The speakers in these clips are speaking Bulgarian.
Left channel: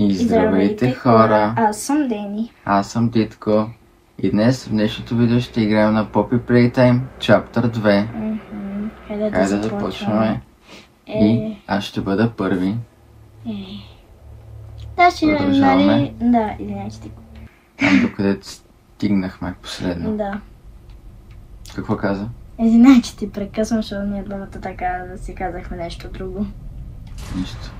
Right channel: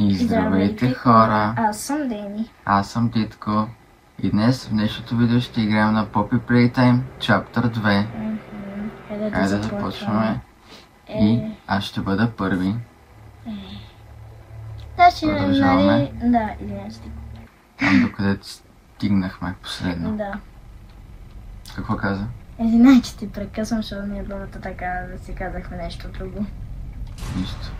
И здравейте хора! Аз съм Дени. Аз съм Титко. И днес в днешното видео ще играем на Poppy Playtime Chapter 2. Хайде да започваме. И аз ще бъда първи. Да, ще продължаваме. Да, 11. Там докъдето стигнахме последно. Да. Какво каза? Извинай, че ти прекъсвам, защото ние двамата така да си казахме нещо друго. Нищо.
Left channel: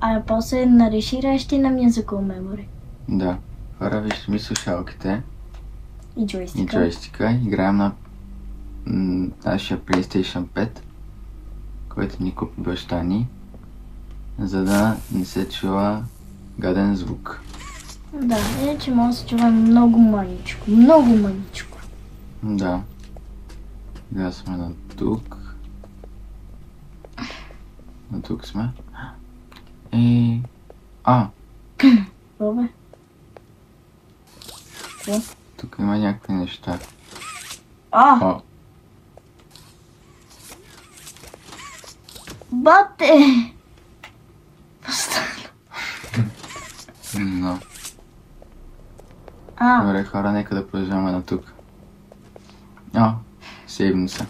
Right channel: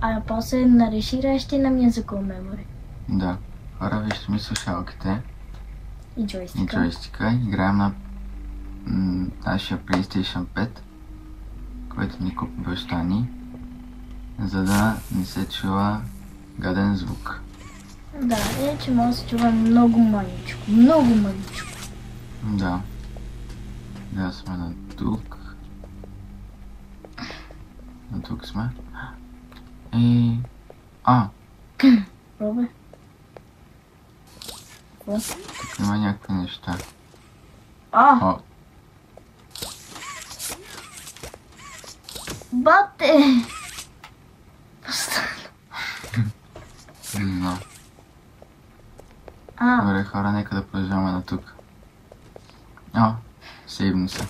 А после нареширащи на Musical Memory. Да. Хора, вижте ми слушалките И и джойстика. джойстика. Играем на нашия PlayStation 5, който ни купи баща ни, за да не се чува гаден звук. Да, иначе може да се чува много мъничко. Много мъничко. Да. Сега сме на тук. На тук сме. И... Пробвай. Тук има някакви неща. О! Бате! Но. А, Добре, хора, нека да продължаваме на тук. Сейвно се.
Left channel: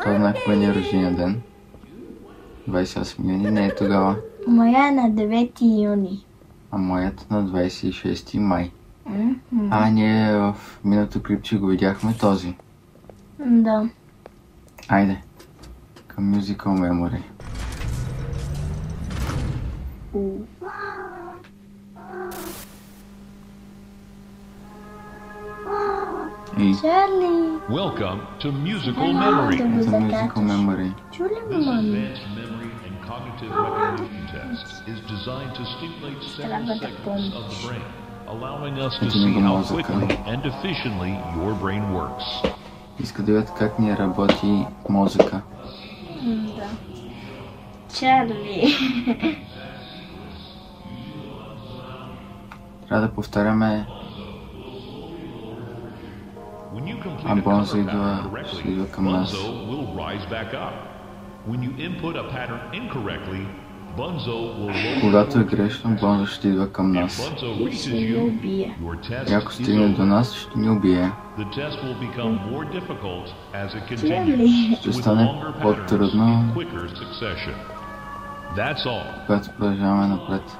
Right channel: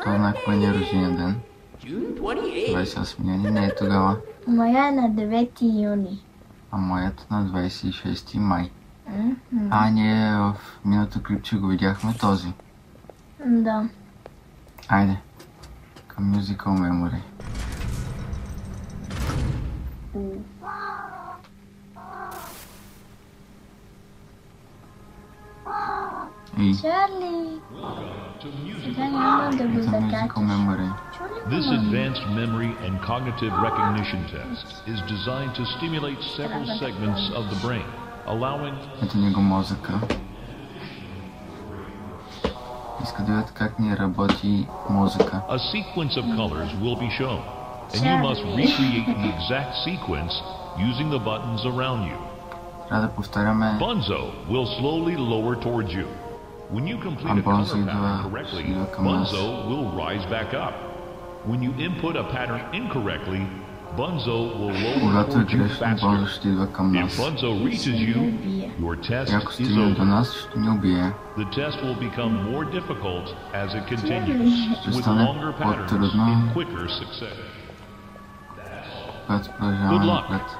Това знак кой ни е рождения ден. 28 юни, не е тогава. моя е на 9 юни. А моят на 26 май. Ние в миналото клипче го видяхме този. Да. Айде. Към Musical Memory. И Чарли! Welcome to Musical Memory. ето Musical Memory. Чули This ли, мами? advanced memory and cognitive recognition test is designed to stimulate several segments of the brain, allowing us to see how quickly and efficiently your brain works. Иска да видят как ни работи мозъка. A sequence of colors will be shown, and you must recreate the exact sequence using the buttons around you. Трябва да повтаряме. Bunzo will slowly lower towards you. When you complete a Bunzo color идва pattern correctly, към нас. Bunzo will rise back up. When you input a pattern incorrectly, Bunzo will lower Когато е towards you грешно, faster. Бонзо ще идва към If нас. Bunzo reaches you, your test И ако is стигне до over. нас, ще ни убие. The test will become more difficult as it continues, Ще with стане longer patterns по-трудно, in quicker succession. That's all. когато продължаваме Good luck. напред.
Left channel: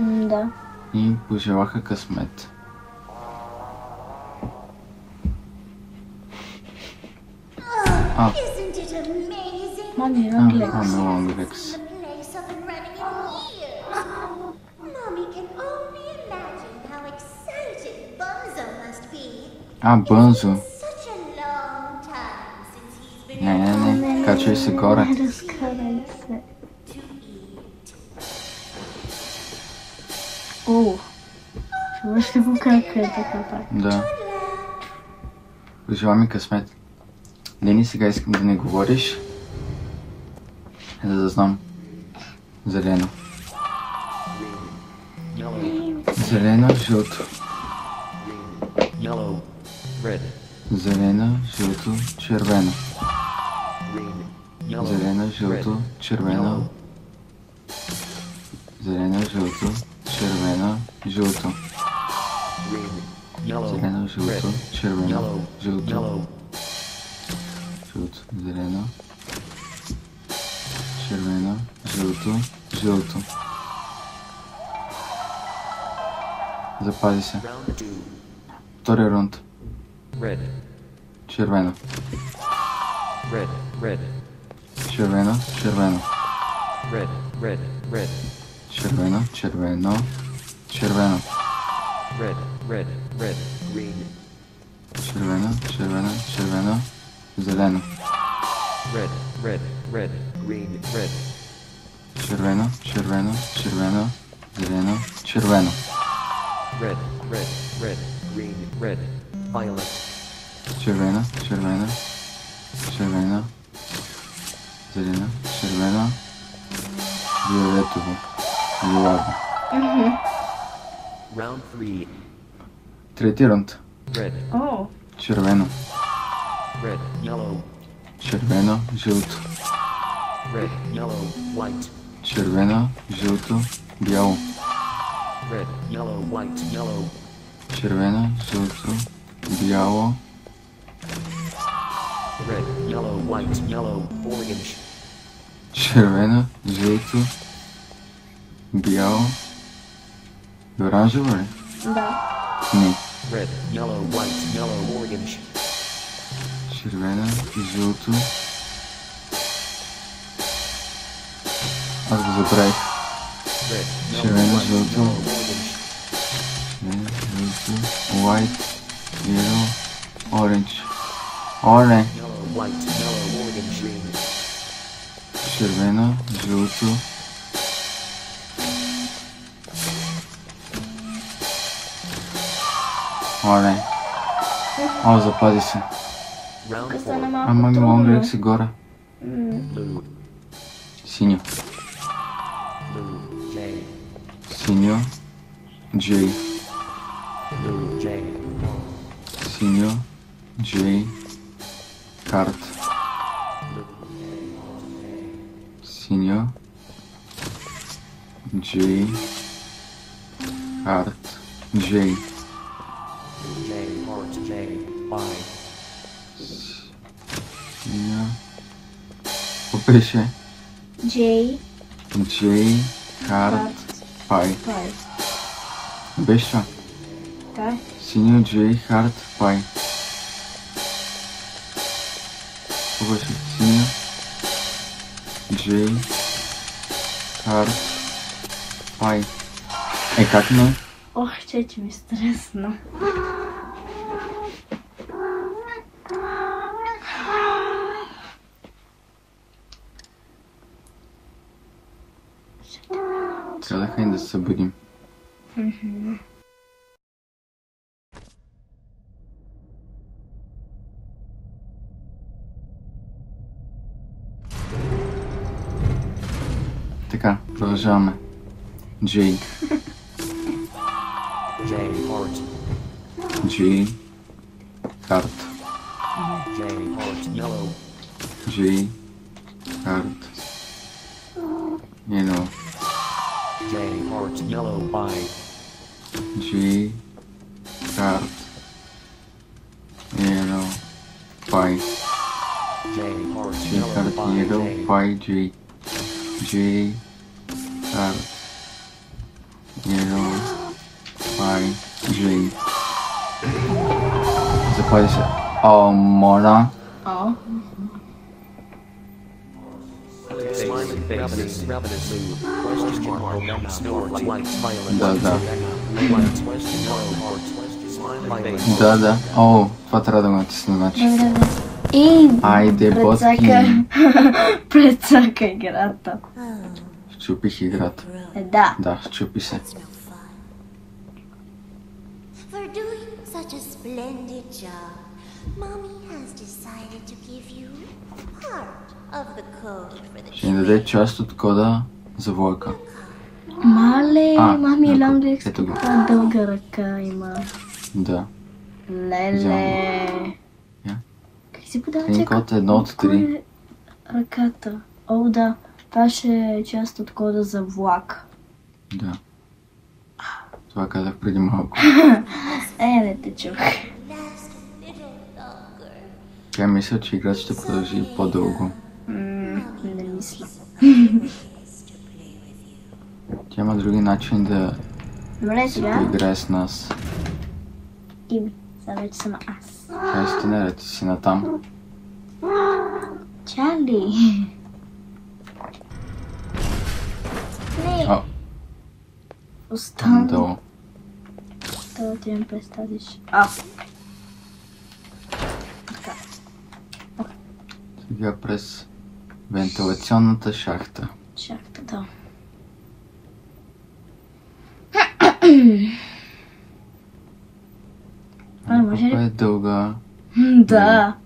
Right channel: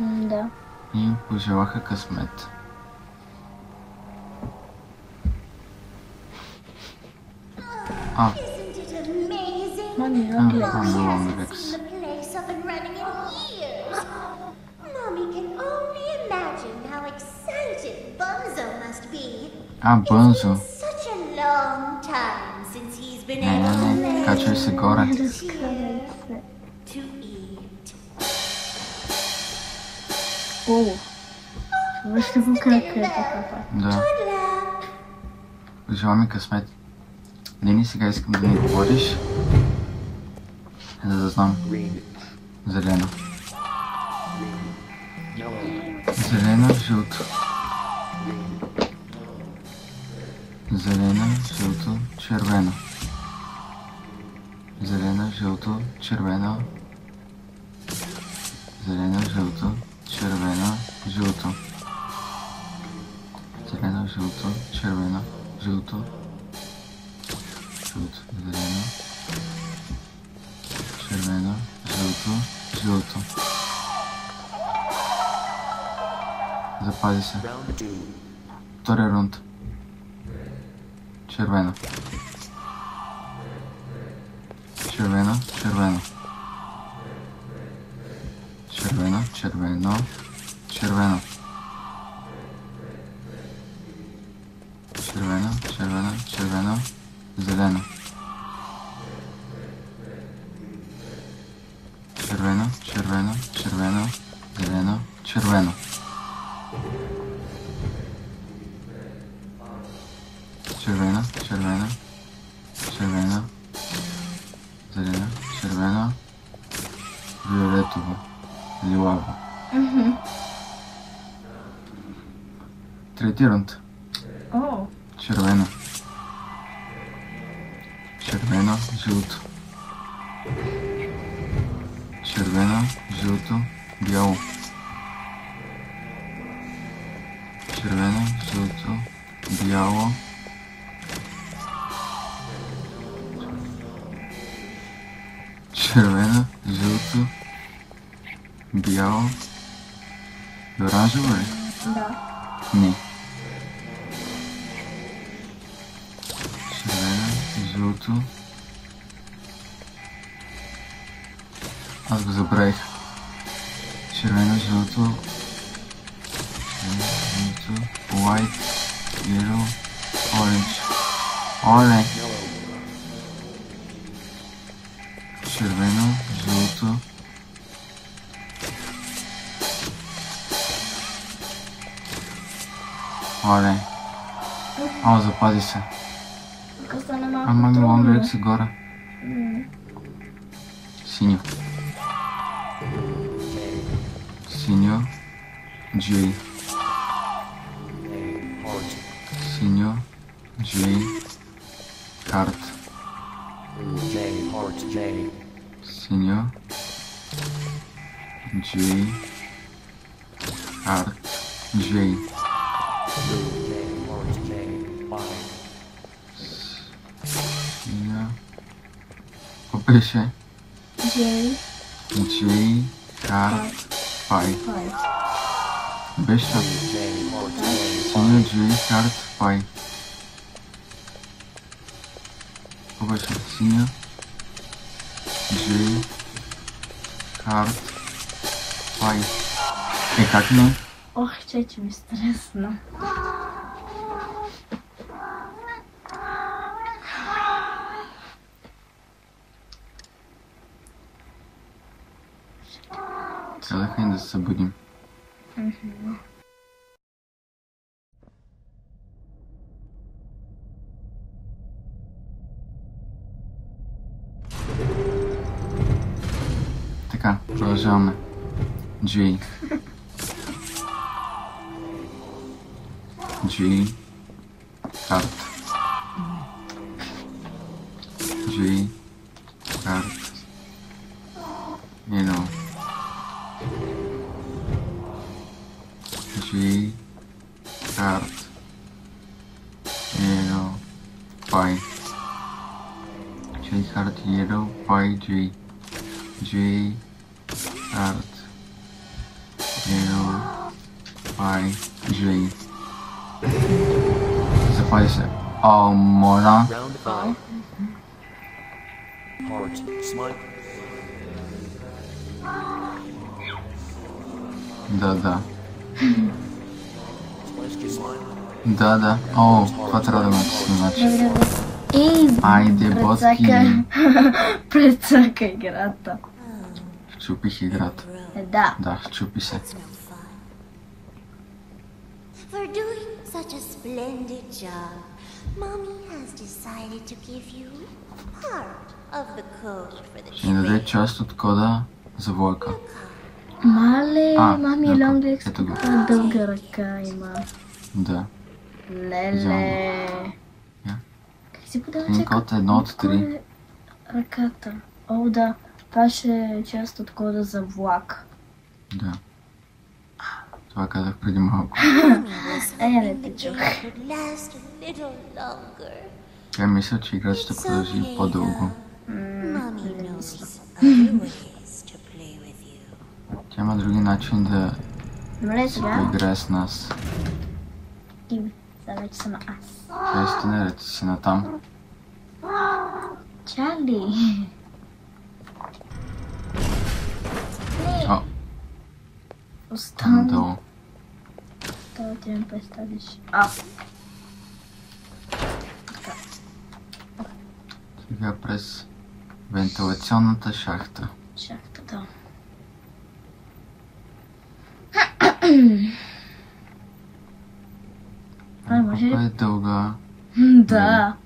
Да. И им пожелаха късмет. Isn't it amazing? Мами, Mommy hasn't Rex. seen the place up and running in years. Mommy can only imagine how excited Bunzo must be. Бънзо. It's been such a long time since he's been Не, able не, to не. play. Качвай се горе. Cheers to eat. О! Това ще го кака така. Да. Good luck. Пожела ми късмет. Дени, сега искам да не говориш, за да знам. Зелено. Зелено, жълто. Зелено, жълто, червено. Зелено, жълто, червено. Зелено, жълто, червено, жълто. Зелено, жълто, червено, жълто. Жълто, зелено, червено, жълто, жълто. Запази се. Втори рунд. Червено. Червено, червено. Червено, червено, червено. Червено, червено, червено, зелено. Червено, червено, червено, зелено, червено. Червено, червено, червено, зелено, червено, фиолетово, лилаво. Трети рунд. О! Червено. Червено, жълто. Червено, жълто, бяло. Red, yellow, white, yellow. Червено, жълто, бяло. Red, yellow, white, yellow, orange. Червено, жълто, бяло. И оранжево ли? Да. Не. Red, yellow, white, yellow, orange. Червено, жълто. Аз го забравих. Red, Червено, жълто, orange. жълто, white, yellow, orange. Оле! Yellow, white, yellow, orange. Червено, жълто. Оле! О, запази се. Round Тук four. стана малко Ама ми трудно. лонгрек си гора. Blue, Синьо. blue, J, Синьо. Джей. blue, J, heart. Синьо. Джей. Карт. Blue, J, heart, J. Синьо. Джей. Карт. Джей. Blue, J, heart, J, Y. Синьо. Какво беше? Джей. Джей. Карт. Пай. Пай. Беше J, heart, Да. J, Синьо, Джей, Карт, Пай. Какво беше? Синьо. Джей. Карт. Пай. Как не? Ох, че ми стресна. Казаха ни да се събудим. Така, продължаваме. Джей. J, heart. Джей. Карт. J, heart, yellow. Джей. Карт. Yellow. J, heart, yellow, Y. Джей. Карт. Yellow. Пай. J, heart, Джей. Карт. Yellow. J. Пай. Джей. Джей. Карт. Yellow. Пай. Джей. Запази се. О, моля. Round heart, smiling face, ravenous mood, question mark, snort, light, smiling. Да, да. Light, question mark, heart, question, smiling face. Да, да. О, това трябва да ме натисна, значи. Ей, Айде, ботки. Прецака играта. Щупих играта. Да. Да, щупи се. That's no fun. For doing such a splendid job, Mommy has decided to give you part of the code for the Ще ни даде train. част от кода за Войка. Мале, А, мами ето, Лонгрек ето го. каква дълга ръка има. Да. Вземам Леле. Я. Как си подава Един код 1 от 3. ръката? О, да. Това ще е част от кода за влак. Да. Това казах преди малко. Mommy was Не hoping ти the чух. game could last a little longer. Тя мисля, че играта ще It's продължи okay, по-дълго. Mommy knows other ways to play with you. Тя има други начини да Добре, се сега. поиграе с нас. Име. Сега вече съм аз. Тя си наред, ти си натам. Чарли. О, Остана. надолу. Да ти ме представиш. А, Сега през вентилационната шахта. шахтата. може ли? Колко е дълга. Да.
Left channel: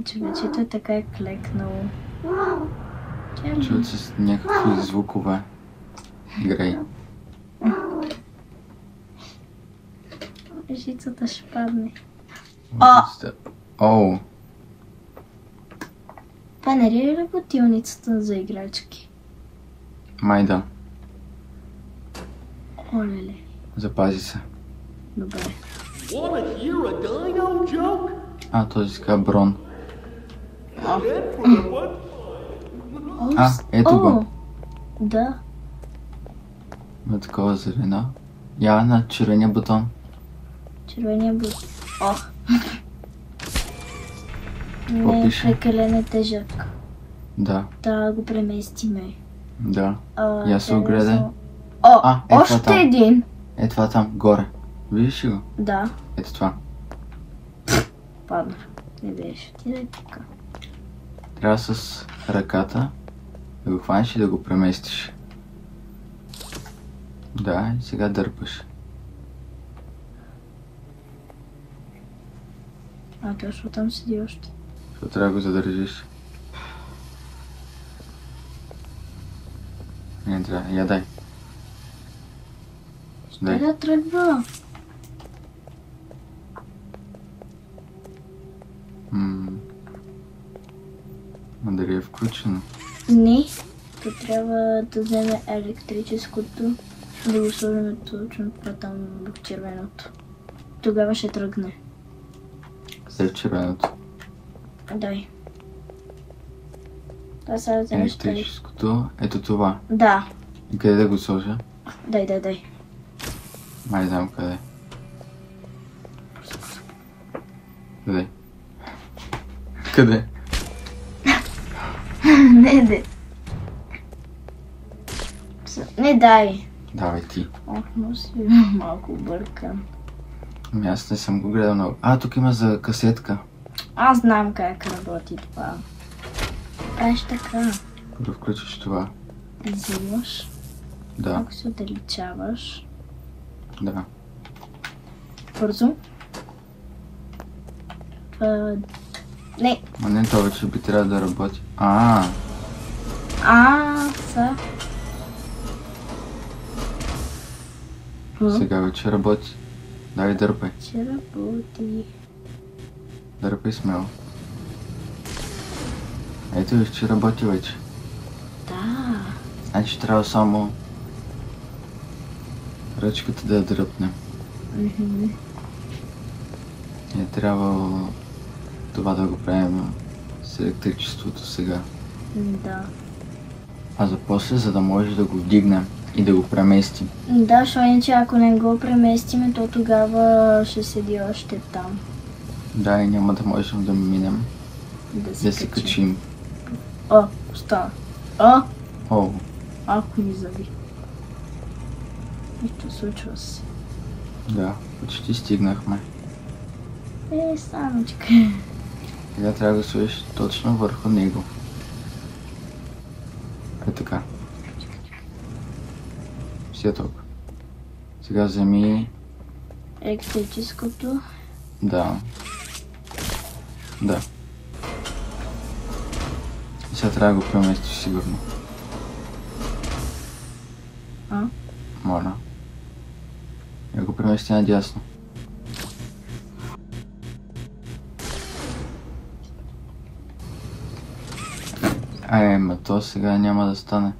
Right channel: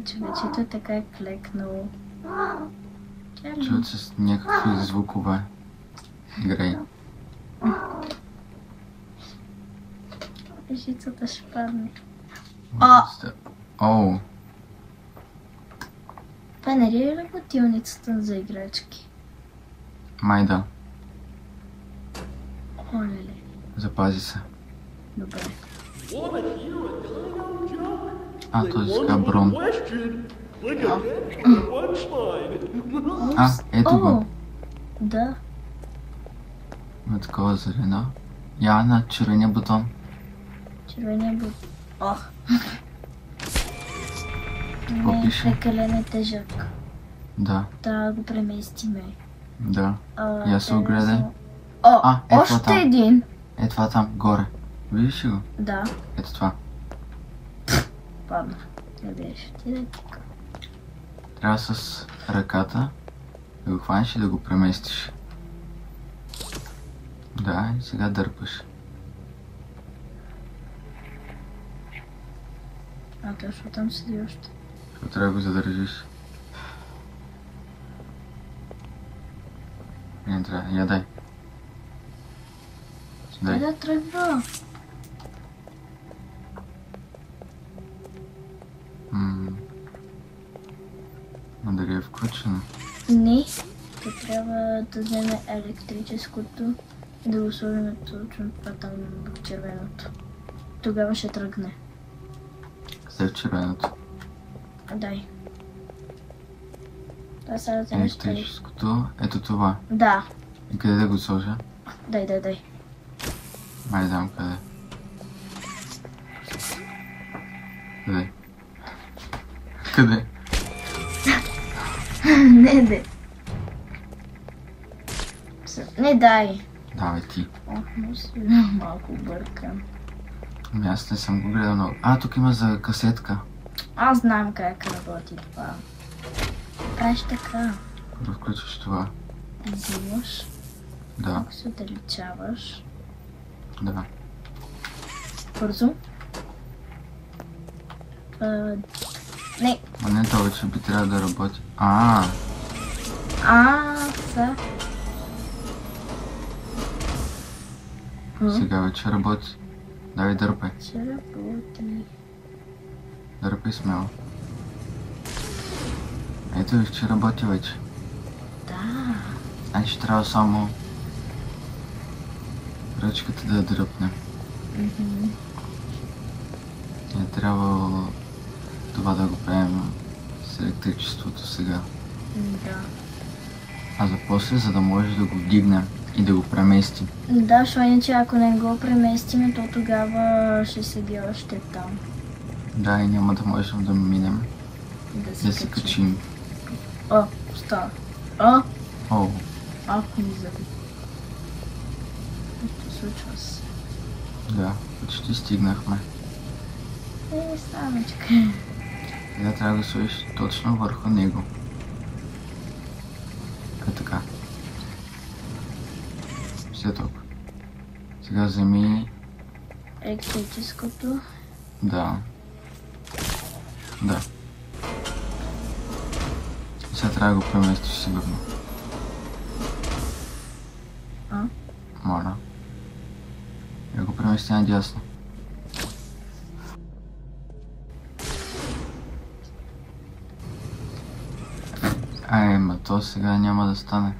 И че вечето е така е клекнало. Чарли. Чуват се някакви звукове. Грей. Жицата ще падне. Оу. Това не е ли работилницата за играчки? Май да. Оле-ле. Запази се. Добре. Wanna hear a dino joke? А, този сега Брон. Click again for the punchline. А, ето О, го. да. Има такова зелено. Я на червения бутон. Червения бут. Ох. Какво Не, пише? прекалено е тежък. Да, Трябва да го преместиме. да. Я се е огледай. само- О, А, е това още там. един. Е това там, горе. Виждаш ли го? Да, Ето това. падна. Къдеш? Ти да е тук. Трябва с ръката да го хванеш и да го преместиш. Да, и сега дърпаш. А, точно там седи още. Защото трябва да го задържиш. Не трябва. Я дай. Дай. Да тръгва. Но дали е включено? Не. То трябва да вземе електрическото, да го сложим точно това там в червеното. Тогава ще тръгне. След червеното. Дай. Да, сега да вземеш тъй. Електрическото. Ето това. Да. И къде да го сложа? Дай. Май знам къде. Къде? Къде? Не. Не дай. Давай ти. Ох, но си малко бъркам. Ами аз не съм го гледал много. А, тук има за касетка. Аз знам как работи това. Правиш така. Първо включиш това. Взимаш. Да, Ако се отдалечаваш. да. Бързо. Не. А не, това вече би трябвало да работи. Са. Сега вече работи. Давай, дърпай. Ще работи. Дърпай смело. Ето виж, че работи вече. Да. Значи трябва само ръчката да я дръпнем. Не трябва това да го правим с електричеството сега. Да. А за после, за да може да го вдигнем и да го преместим. Да, защото иначе ако не го преместиме, то тогава ще седи още там. Да, и няма да можем да минем, да се качим. О, става. О, Ако ни заби. Нещо случва се. да, почти стигнахме. Самичка. Сега трябва да сложиш точно върху него. Е така. Все толкова. Сега вземи... Електрическото. Да. Да. И сега трябва да го преместиш сигурно. Моля. Я го премести надясно. Ма то сега няма да стане.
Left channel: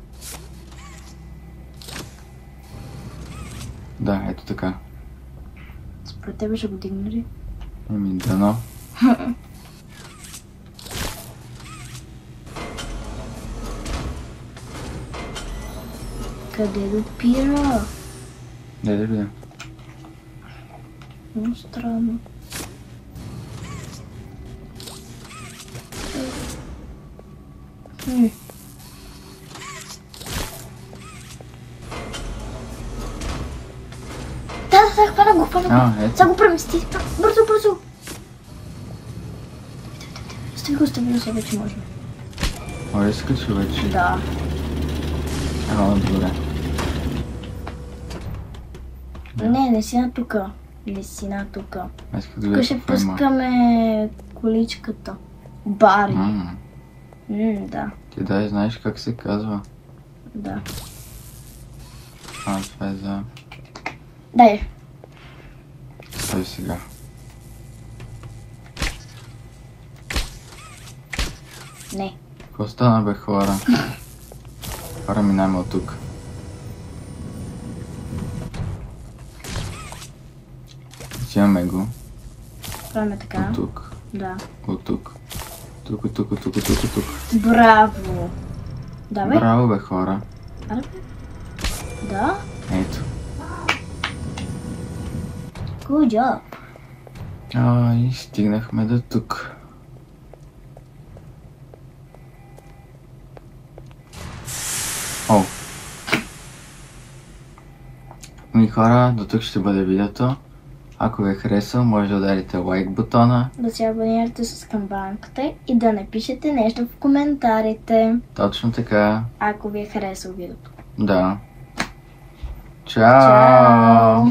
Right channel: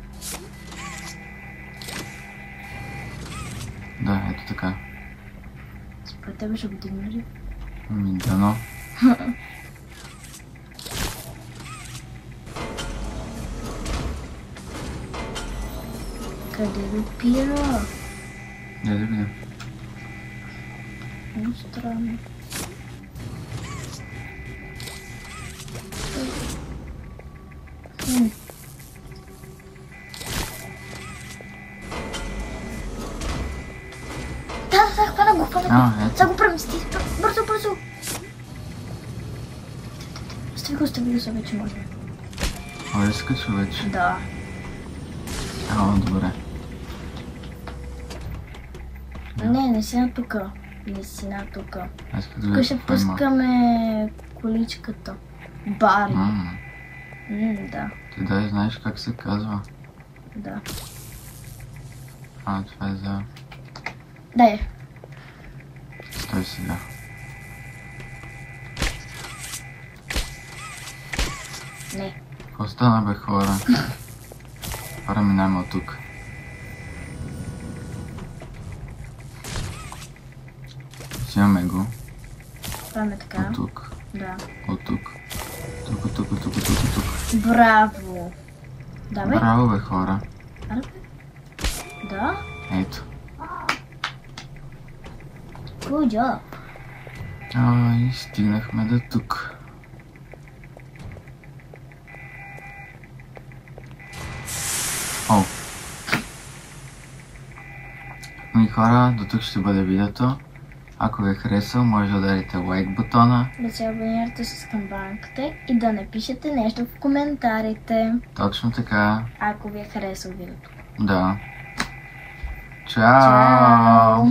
Да, ето така. Според тебе ще го дигна ли? Ами дано. Къде допира? Да видим. Много странно. Да, хвана го. Ето. Сега го премести. Бързо. Стига се вече може. Може да се качи вече. Да. Добре. Не си на тука. Не си на тука. Аз като Тук видя ще какво има. пускаме количката. Бари. Да. Ти дай знаеш как се казва. Да. Това е за... Дай. Стой сега. Не. Какво стана, бе, хора? Хора, минаваме от тук. Взимаме го. Правим така. От тук. Да. От тук. Тук, тук, тук, тук, тук. Браво! Давай. Браво, бе, хора. Аре, бе. Да. Ето. Good job. И стигнахме до тук. О! Ми хора, до тук ще бъде видеото. Ако ви е харесал, може да ударите лайк бутона. Да се абонирате с камбанката и да напишете нещо в коментарите. Точно така. Ако ви е харесал видеото. Да. Чао!